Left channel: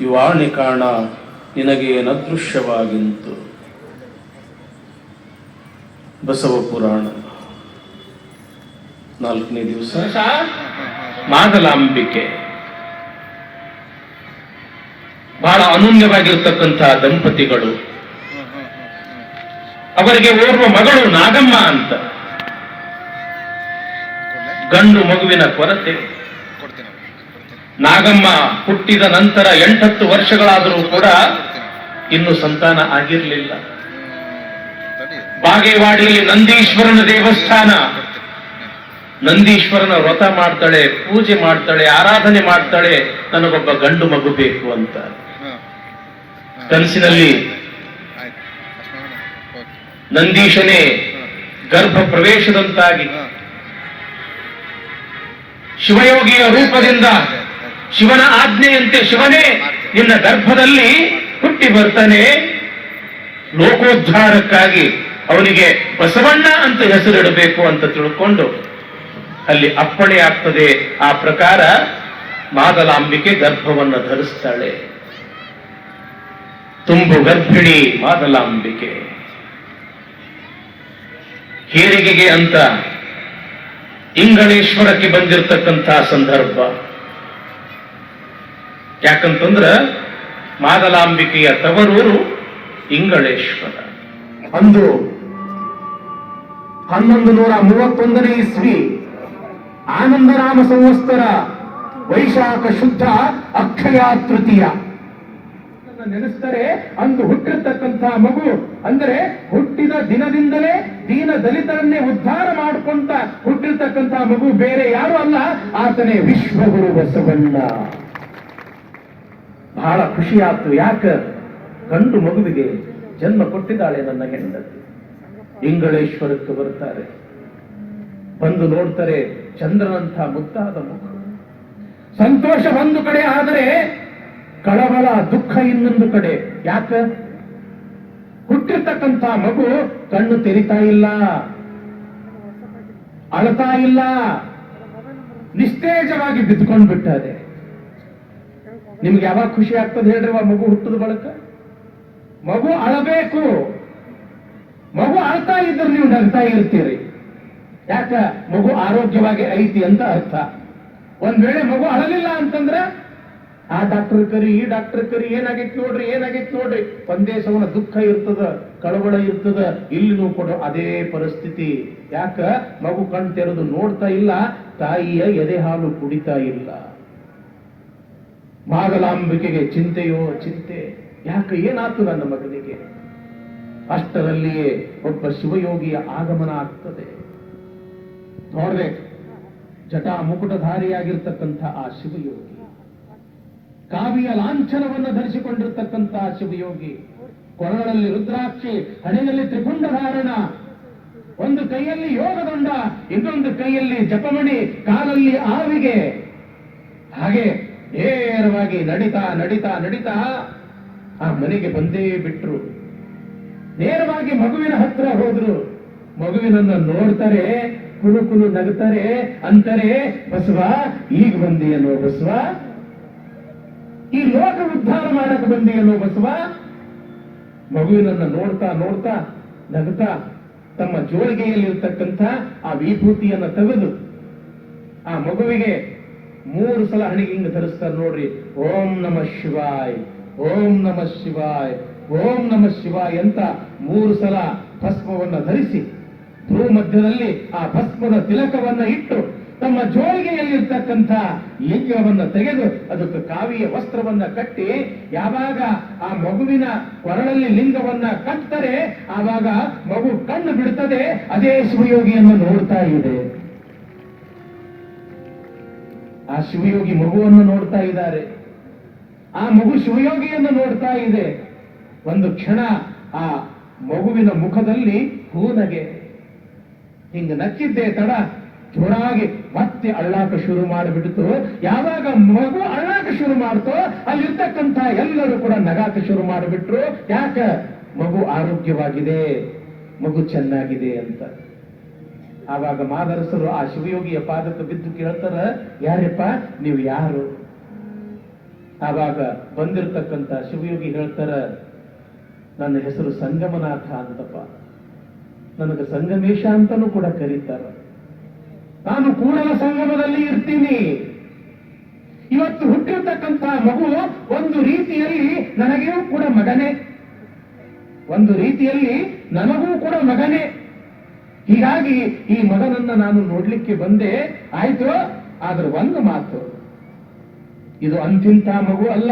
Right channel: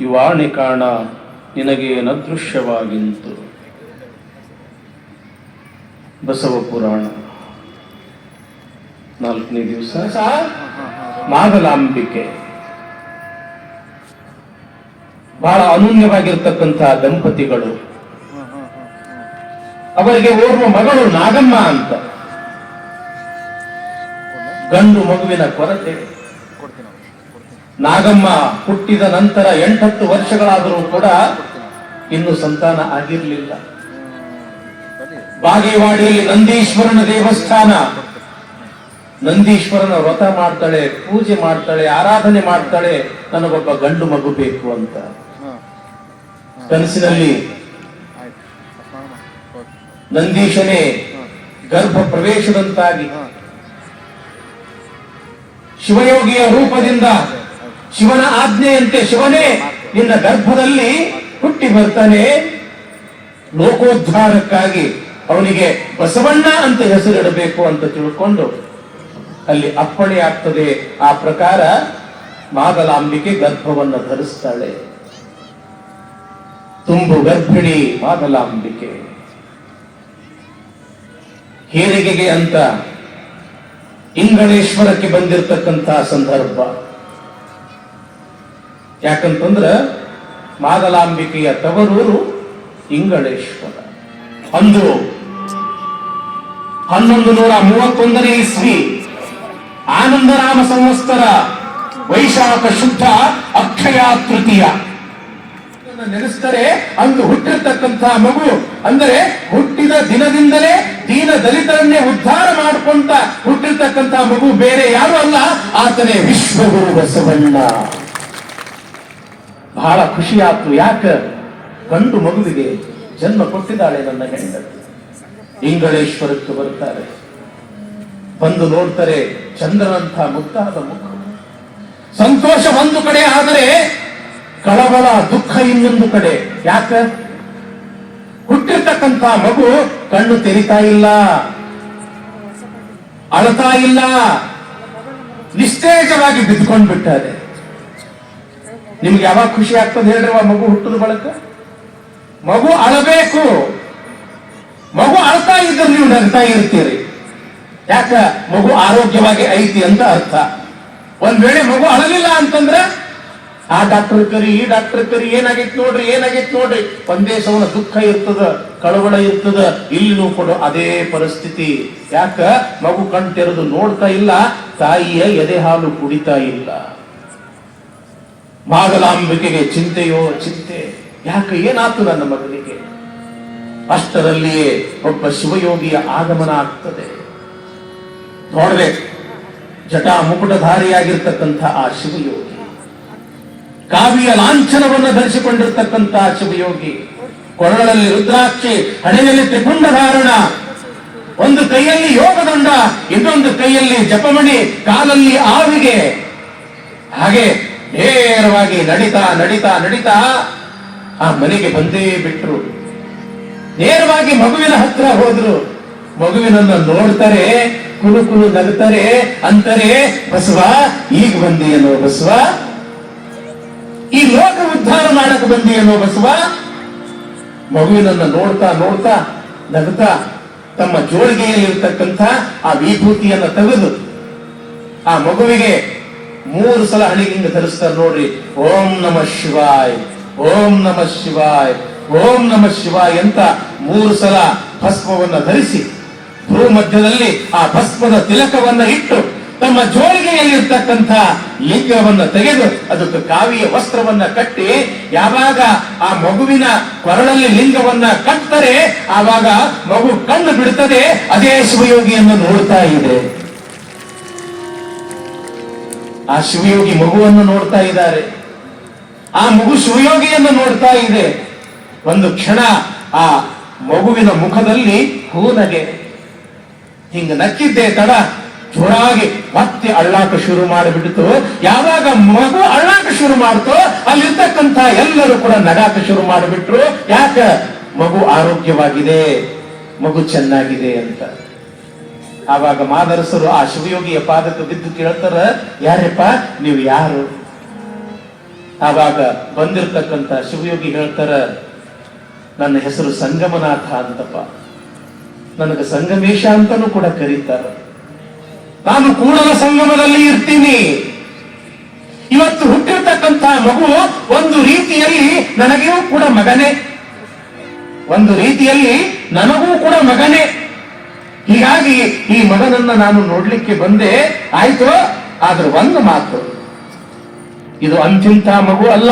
ಇವಾಣಿ ಕಾಣ ನಿನಗೆ ನದೃಶ್ಯವಾಗಿಂತು ಬಸವ ಪುರಾಣ ನಾಲ್ಕನೇ ದಿವಸ. ಮಾದಲಾಂಬಿಕೆ. ಬಹಳ ಅನೂನ್ಯವಾಗಿರ್ತಕ್ಕಂಥ ದಂಪತಿಗಳು. ಅವರಿಗೆ ಓರ್ವ ಮಗಳು ನಾಗಮ್ಮ ಅಂತ. ಗಂಡು ಮಗುವಿನ ಕೊರತೆ. ನಾಗಮ್ಮ ಹುಟ್ಟಿದ ನಂತರ ಎಂಟತ್ತು ವರ್ಷಗಳಾದರೂ ಕೂಡ ಇನ್ನು ಸಂತಾನ ಆಗಿರಲಿಲ್ಲ. ಬಾಗೇವಾಡಿಯಲ್ಲಿ ನಂದೀಶ್ವರನ ದೇವಸ್ಥಾನ ನಂದೀಶ್ವರನ ವ್ರತ ಮಾಡ್ತಾಳೆ, ಪೂಜೆ ಮಾಡ್ತಾಳೆ, ಆರಾಧನೆ ಮಾಡ್ತಾಳೆ, ನನಗೊಬ್ಬ ಗಂಡು ಮಗು ಬೇಕು ಅಂತ. ಕನಸಿನಲ್ಲಿ. ನಂದೀಶನೇ ಗರ್ಭ ಪ್ರವೇಶದಂತಾಗಿ ಶಿವಯೋಗಿಯ ರೂಪದಿಂದ ಶಿವನ ಆಜ್ಞೆಯಂತೆ ಶಿವನೇ ನಿನ್ನ ಗರ್ಭದಲ್ಲಿ ಹುಟ್ಟಿ ಬರ್ತಾನೆ. ಲೋಕೋದ್ಧಾರಕ್ಕಾಗಿ ಅವನಿಗೆ ಬಸವಣ್ಣ ಅಂತ ಹೆಸರಿಡಬೇಕು ಅಂತ ತಿಳ್ಕೊಂಡು ಅಲ್ಲಿ ಅಪ್ಪಣೆ ಆಗ್ತದೆ. ಆ ಪ್ರಕಾರ ಮಾದಲಾಂಬಿಕೆ ಗರ್ಭವನ್ನು ಧರಿಸ್ತಾಳೆ. ತುಂಬು ಗರ್ಭಿಣಿ ಮಾದಲಾಂಬಿಕೆ. ಹೇರಿಗೆಗೆ ಅಂತ ಇಂಗಳೇಶ್ವರಕ್ಕೆ ಬಂದಿರತಕ್ಕಂತಹ ಸಂದರ್ಭ. ಯಾಕಂತಂದ್ರ ಮಾದಲಾಂಬಿಕೆಯ ತವರೂರು ಇಂಗಳೇಶ್ವರ. ಅಂದು ಹನ್ನೊಂದು ನೂರ ಮೂವತ್ತೊಂದನೇ ಇಸ್ವಿ ಆನಂದರಾಮ ಸಂವತ್ಸರ ವೈಶಾಖ ಶುದ್ಧ ಅಕ್ಷಯ ತೃತೀಯ. ನೆನೆಸ್ತಾರೆ ಅಂದು ಹುಟ್ಟಿರ್ತಕ್ಕಂತಹ ಮಗು. ಅಂದರೆ ಹುಟ್ಟಿದ ದಿನದಿಂದಲೇ ದೀನ ದಲಿತರನ್ನೇ ಉದ್ಧಾರ ಮಾಡಿಕೊಂತ ಹುಟ್ಟಿರ್ತಕ್ಕಂತಹ ಮಗು ಬೇರೆ ಯಾರು ಅಲ್ಲ, ಆತನೇ ವಿಶ್ವಗುರು ಬಸವಣ್ಣ. ಬಹಳ ಖುಷಿಯಾಯ್ತು ಯಾಕ? ಗಂಡು ಮಗುವಿಗೆ ಜನ್ಮ ಕೊಟ್ಟಿದ್ದಾಳೆ ನನ್ನ ಹೆಂಡತಿ. ಇಂಗಳೇಶ್ವರಕ್ಕೆ ಬರ್ತಾರೆ. ಬಂದು ನೋಡ್ತಾರೆ ಚಂದ್ರನಂಥ ಮುಕ್ತಾದ ಮುಖ. ಸಂತೋಷ ಒಂದು ಕಡೆ ಆದರೆ ಕಳವಳ ದುಃಖ ಇನ್ನೊಂದು ಕಡೆ. ಯಾಕ? ಹುಟ್ಟಿರ್ತಕ್ಕಂಥ ಮಗು ಕಣ್ಣು ತೆರಿತಾ ಇಲ್ಲ. ಅಳತಾ ಇಲ್ಲ. ನಿಸ್ತೇಜವಾಗಿ ಬಿದ್ದುಕೊಂಡು ಬಿಟ್ಟಾರೆ ನಿಮ್ಗೆ ಯಾವಾಗ ಖುಷಿ ಆಗ್ತದೆ ಹೇಳ್ರಿ ಆ ಮಗು ಹುಟ್ಟಿದ ಬಳಕ? ಮಗು ಅಳಬೇಕು. ಮಗು ಅಳ್ತಾ ಇದ್ರೆ ನೀವು ನಗ್ತಾ ಇರ್ತೀರಿ. ಯಾಕ? ಮಗು ಆರೋಗ್ಯವಾಗಿ ಐತಿ ಅಂತ ಅರ್ಥ. ಒಂದ್ ವೇಳೆ ಮಗು ಅಳಲಿಲ್ಲ ಅಂತಂದ್ರೆ, ಆ ಡಾಕ್ಟರ್ ಕರಿ, ಈ ಡಾಕ್ಟರ್ ಕರಿ, ಏನಾಗೈತಿ ನೋಡ್ರಿ ಏನಾಗೈತಿ ನೋಡ್ರಿ. ಒಂದೇ ಸವನ ದುಃಖ ಇರ್ತದ, ಕಳವಳ ಇರ್ತದ, ಇಲ್ಲಿನೂ ಕೂಡ ಅದೇ ಪರಿಸ್ಥಿತಿ. ಯಾಕ? ಮಗು ಕಣ್ ತೆರೆದು ನೋಡ್ತಾ ಇಲ್ಲ, ತಾಯಿಯ ಎದೆ ಹಾಲು ಕುಡಿತಾ ಇಲ್ಲ. ಮಾಗಲಾಂಬಿಕೆಗೆ ಚಿಂತೆಯೋ ಚಿಂತೆ. ಯಾಕೆ ಏನಾಯ್ತು ನನ್ನ ಮಗನಿಗೆ ಅಷ್ಟರಲ್ಲಿಯೇ ಒಬ್ಬ ಶಿವಯೋಗಿಯ ಆಗಮನ ಆಗ್ತದೆ. ನೋಡ್ರೆ ಜಟಾ ಮುಕುಟಧಾರಿಯಾಗಿರ್ತಕ್ಕಂಥ ಆ ಶಿವಯೋಗಿ, ಕಾವ್ಯ ಲಾಂಛನವನ್ನು ಧರಿಸಿಕೊಂಡಿರ್ತಕ್ಕಂತಹ ಶಿವಯೋಗಿ, ಕೊರಳಲ್ಲಿ ರುದ್ರಾಕ್ಷಿ ಹಣೆಯಲ್ಲಿ ತ್ರಿಪುಂಡ ಧಾರಣ ಒಂದು ಕೈಯಲ್ಲಿ ಯೋಗದಂಡ, ಇನ್ನೊಂದು ಕೈಯಲ್ಲಿ ಜಪಮಣಿ, ಕಾಲಲ್ಲಿ ಆವಿಗೆ. ಹಾಗೆ ನೇರವಾಗಿ ನಡಿತಾ ನಡಿತಾ ನಡಿತಾ, ಆ ಮನೆಗೆ ಬಂದೇ ಬಿಟ್ರು. ನೇರವಾಗಿ ಮಗುವಿನ ಹತ್ರ ಹೋದ್ರು. ಮಗುವಿನನ್ನು ನೋಡ್ತಾರೆ ಕುಲು ಕುಲು ನಗುತ್ತಾರೆ, ಅಂತಾರೆ, ಬಸವ, ಈಗ ಬಂದಿಯನೋ ಬಸವ. ಈ ಲೋಕ ಉದ್ಧಾರ ಮಾಡಕ್ ಅನ್ನೋ ಬಸವ. ಮಗುವಿನನ್ನು ನೋಡ್ತಾ ನೋಡ್ತಾ, ನಗುತ್ತಾ, ತಮ್ಮ ಜೋಳಿಗೆಯಲ್ಲಿರ್ತಕ್ಕಂಥ ಆ ವಿಭೂತಿಯನ್ನ ತೆಗೆದು ಆ ಮಗುವಿಗೆ ಮೂರು ಸಲ ಹಣಿಗಿಂದ ಧರಿಸ್ತಾರೆ ನೋಡ್ರಿ. ಓಂ ನಮ ಶಿವಾಯ್, ಓಂ ನಮ ಶಿವಾಯ್, ಓಂ ನಮ ಶಿವಾಯ್ ಅಂತ ಮೂರು ಸಲ ಭಸ್ಮವನ್ನ ಧರಿಸಿ ಭೂ ಮಧ್ಯದಲ್ಲಿ ಆ ಭಸ್ಮದ ತಿಲಕವನ್ನ ಇಟ್ಟು ತಮ್ಮ ಜೋಳಿಗೆಯಲ್ಲಿರ್ತಕ್ಕಂಥ ಲಿಂಗವನ್ನ ತೆಗೆದು ಅದಕ್ಕೆ ಕಾವಿಯ ವಸ್ತ್ರವನ್ನ ಕಟ್ಟಿ ಯಾವಾಗ ಆ ಮಗುವಿನ ಕೊರಳಲ್ಲಿ ಲಿಂಗವನ್ನ ಕಟ್ತಾರೆ, ಆವಾಗ ಮಗು ಕಣ್ಣು ಬಿಡುತ್ತದೆ ಅದೇ ಶಿವಯೋಗಿಯನ್ನು ನೋಡ್ತಾ ಇದೆ. ಆ ಶಿವಯೋಗಿ ಮಗುವನ್ನು ನೋಡ್ತಾ ಇದ್ದಾರೆ. ಆ ಮಗು ಶಿವಯೋಗಿಯನ್ನು ನೋಡ್ತಾ ಇದೆ. ಒಂದು ಕ್ಷಣ ಆ ಮಗುವಿನ ಮುಖದಲ್ಲಿ ಹೂನಗೆ ಹಿಂಗ ನಕ್ಕಿದ್ದೆ ತಡ, ಜೋರಾಗಿ ಮತ್ತೆ ಅಳ್ಳಾಕ ಶುರು ಮಾಡಿಬಿಡ್ತು. ಯಾವಾಗ ಮಗು ಅಳ್ಳಾಕ ಶುರು ಮಾಡ್ತೋ, ಅಲ್ಲಿರ್ತಕ್ಕಂಥ ಎಲ್ಲರೂ ಕೂಡ ನಗಾಕ ಶುರು ಮಾಡಿಬಿಟ್ರು. ಯಾಕ? ಮಗು ಆರೋಗ್ಯವಾಗಿದೆ, ಮಗು ಚೆನ್ನಾಗಿದೆ ಅಂತ. ಆವಾಗ ಮಾದರಸರು ಆ ಶಿವಯೋಗಿಯ ಪಾದಕ್ಕೆ ಬಿದ್ದು ಕೇಳ್ತಾರ, ಯಾರಪ್ಪ, ನೀವು ಯಾರು? ಆವಾಗ ಬಂದಿರತಕ್ಕಂತ ಶಿವಯೋಗಿ ಹೇಳ್ತಾರ, ನನ್ನ ಹೆಸರು ಸಂಗಮನಾಥ ಅಂತಪ್ಪ. ನನಗೆ ಸಂಗಮೇಶ ಅಂತಾನು ಕೂಡ ಕರೀತಾರ. ನಾನು ಕೂಡಲ ಸಂಗಮದಲ್ಲಿ ಇರ್ತೀನಿ. ಇವತ್ತು ಹುಟ್ಟಿರ್ತಕ್ಕಂಥ ಮಗು ಒಂದು ರೀತಿಯಲ್ಲಿ ನನಗೂ ಕೂಡ ಮಗನೇ. ಒಂದು ರೀತಿಯಲ್ಲಿ ನನಗೂ ಕೂಡ ಮಗನೇ. ಹೀಗಾಗಿ ಈ ಮಗನನ್ನ ನಾನು ನೋಡ್ಲಿಕ್ಕೆ ಬಂದೆ. ಆಯ್ತು, ಆದ್ರೆ ಒಂದು ಮಾತು. ಇದು ಅಂತಿಂತ ಮಗು ಅಲ್ಲ.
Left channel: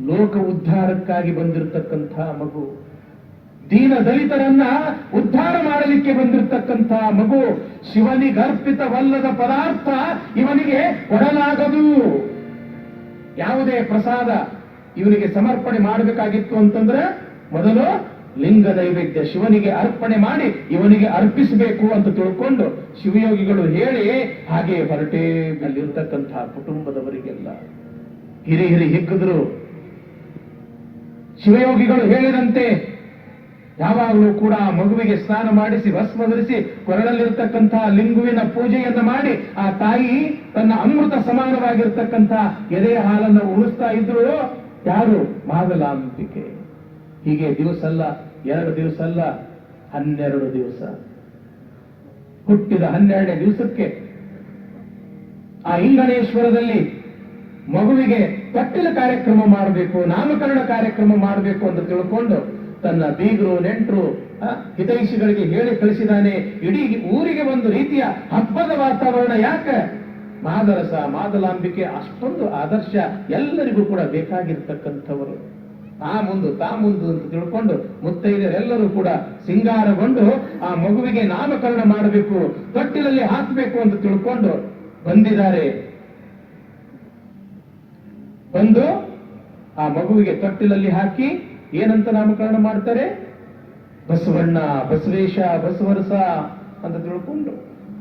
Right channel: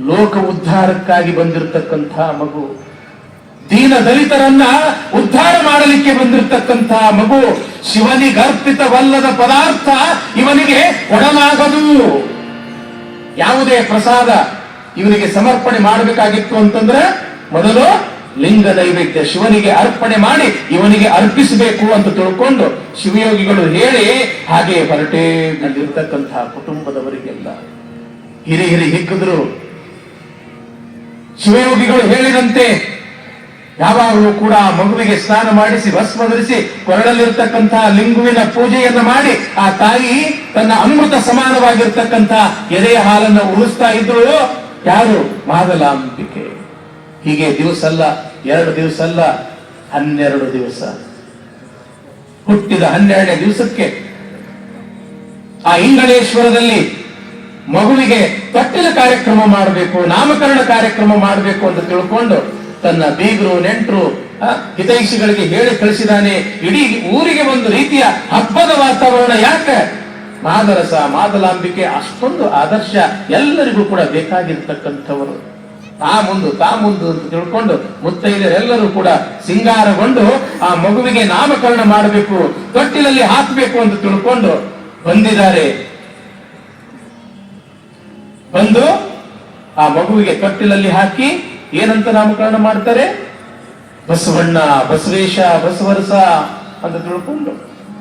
ಲೋಕ ಉದ್ಧಾರಕ್ಕಾಗಿ ಬಂದಿರತಕ್ಕಂಥ ಮಗು. ದೀನ ದಲಿತರನ್ನ ಉದ್ಧಾರ ಮಾಡಲಿಕ್ಕೆ ಬಂದಿರತಕ್ಕಂಥ ಮಗು. ಶಿವನಿಗರ್ಪಿತವಲ್ಲದ ಪದಾರ್ಥ ಇವನಿಗೆ ಕೊಡಲಾಗದು. ಯಾವುದೇ ಪ್ರಸಾದ ಇವನಿಗೆ ಸಮರ್ಪಣೆ ಮಾಡಬೇಕಾಗಿತ್ತು ಅಂತಂದ್ರೆ ಮೊದಲು ಲಿಂಗ ನೈವೇದ್ಯ ಶಿವನಿಗೆ ಅರ್ಪಣೆ ಮಾಡಿ ಇವನಿಗೆ ಅರ್ಪಿಸಬೇಕು ಅಂತ ತಿಳ್ಕೊಂಡು ಶಿವಯೋಗಿಗಳು ಹೇಳಿ ಹಾಗೆ ಹೊರಟೇ ಅಲ್ಲಿರ್ತಕ್ಕಂತಹ ಕುಟುಂಬದವರಿಗೆಲ್ಲ ಹಿರಿ ಹಿರಿ ಹಿಕ್ಕಿದ್ರು ಶಿವಯೋಗಿಗಳು ಹೇಳಿದಂತೆ ಯಾವಾಗಲೂ ಕೂಡ ಮಗುವಿಗೆ ಸ್ನಾನ ಮಾಡಿಸಿ, ಭಸ್ಮ ಧರಿಸಿ ಕೊರಳಲ್ಲಿರ್ತಕ್ಕಂತಹ ಲಿಂಗುವಿನ ಪೂಜೆಯನ್ನ ಮಾಡಿ ಆ ತಾಯಿ ತನ್ನ ಅಮೃತ ಸಮಾನವಾಗಿರ್ತಕ್ಕಂತಹ ಎದೆಯ ಹಾಲನ್ನು ಉಳಿಸ್ತಾ ಇದ್ರು ಯಾರು? ಮಾದಲಾಂಬಿಕೆ. ಹೀಗೆ ದಿವಸ ಅಲ್ಲ ಎರಡು ದಿವಸ ಅಲ್ಲ ಹನ್ನೆರಡು ದಿವಸ. ಹುಟ್ಟಿದ ಹನ್ನೆರಡನೇ ದಿವಸಕ್ಕೆ ಆ ಇಂಗಳೇಶ್ವರದಲ್ಲಿ ಮಗುವಿಗೆ ಕಟ್ಟಿನ ಕಾರ್ಯಕ್ರಮ ಮಾಡಬೇಕು, ನಾಮಕರಣ ಕಾರ್ಯಕ್ರಮ ಮಾಡಬೇಕು ಅಂತ ತಿಳ್ಕೊಂಡು ತನ್ನ ಬೀಗರು, ನೆಂಟರು ಹಿತೈಷಿಗಳಿಗೆ ಹೇಳಿ ಕಳಿಸಿದಾನೆ. ಇಡೀ ಊರಿಗೆ ಒಂದು ರೀತಿಯ ಹಬ್ಬದ ವಾತಾವರಣ ಯಾಕೆ? ಮಾದರಸ, ಮಾದಲಾಂಬಿಕೆ, ಅಷ್ಟೊಂದು ಆದರ್ಶ ಎಲ್ಲರಿಗೂ ಕೂಡ ಬೇಕಾಗಿರ್ತಕ್ಕಂಥವರು. ತಾ ಮುಂದು ತಾ ಮುಂದು ಅಂತ ತಿಳ್ಕೊಂಡು ಮುತ್ತೈದರೆಲ್ಲರೂ ಕೂಡ ಸಿಂಗಾರಗೊಂಡು ಆ ಮಗುವಿಗೆ ನಾಮಕರಣ ಮಾಡಬೇಕು ತೊಟ್ಟಿಲಲ್ಲಿ ಹಾಕಬೇಕು ಅಂತ ತಿಳ್ಕೊಂಡು ಬಂದಿದ್ದಾರೆ. ಬಂದು ಆ ಮಗುವಿಗೆ ತೊಟ್ಟಿಲಲ್ಲಿ ಹಾಕಿ ಏನಂತ ನಾಮಕರಣ ಮಾಡ್ತಾರೆ? ಬಸವಣ್ಣ, ಬಸವೇಶ, ಬಸವರಸ ಅಂತ ತಿಳ್ಕೊಂಡು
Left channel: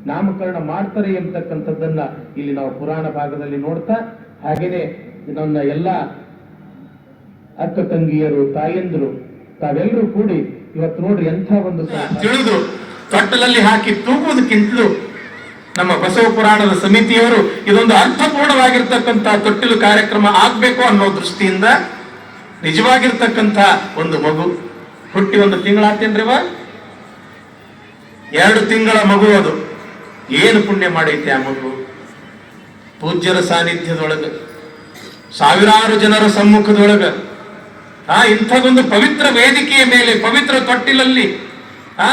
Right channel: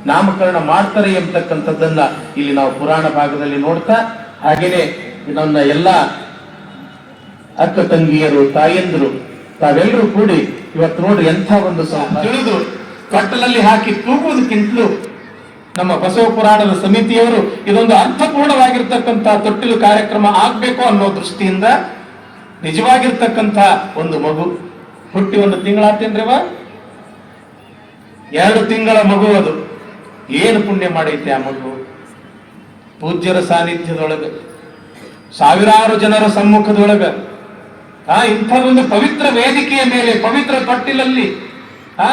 ನಾಮಕರಣ ಮಾಡ್ತಾರೆ ಎಂಬತಕ್ಕಂಥದ್ದನ್ನ ಇಲ್ಲಿ ನಾವು ಪುರಾಣ ಭಾಗದಲ್ಲಿ ನೋಡ್ತಾ ಹಾಗೇನೆ ನನ್ನ ಎಲ್ಲ ಅಕ್ಕ ತಂಗಿಯರು, ತಾಯಂದರು, ತಾವೆಲ್ಲರೂ ಕೂಡಿ ಇವತ್ತು ನೋಡ್ರಿ ಎಂಥ ಒಂದು ತಿಳಿದು ತೊಟ್ಟಲಲ್ಲಿ ಹಾಕಿ ತೂಗುವುದಕ್ಕಿಂತಲೂ ನಮ್ಮ ಬಸವ ಪುರಾಣದ ಸಮಿತಿಯವರು ಇದೊಂದು ಅರ್ಥಪೂರ್ಣವಾಗಿರ್ತಕ್ಕಂಥ ತೊಟ್ಟಿಲು ಕಾರ್ಯಕ್ರಮ ಆಗ್ಬೇಕು ಅನ್ನೋ ದೃಷ್ಟಿಯಿಂದ ನಿಜವಾಗಿರ್ತಕ್ಕಂಥ ಒಂದು ಮಗು. ಹುಟ್ಟಿ ಒಂದು ತಿಂಗಳಾತೇನ್ರಿವ ಎರಡು ತಿಂಗಳ ಮಗು ಅದು. ಏನು ಪುಣ್ಯ ಮಾಡೈತೆ ಆ ಮಗು? ಪೂಜ್ಯರ ಸಾನ್ನಿಧ್ಯದೊಳಗ, ಸಾವಿರಾರು ಜನರ ಸಮ್ಮುಖದೊಳಗ ಆ ಇಂಥದೊಂದು ಪವಿತ್ರ ವೇದಿಕೆಯ ಮೇಲೆ ಪವಿತ್ರ ತೊಟ್ಟಿಲಲ್ಲಿ ಆ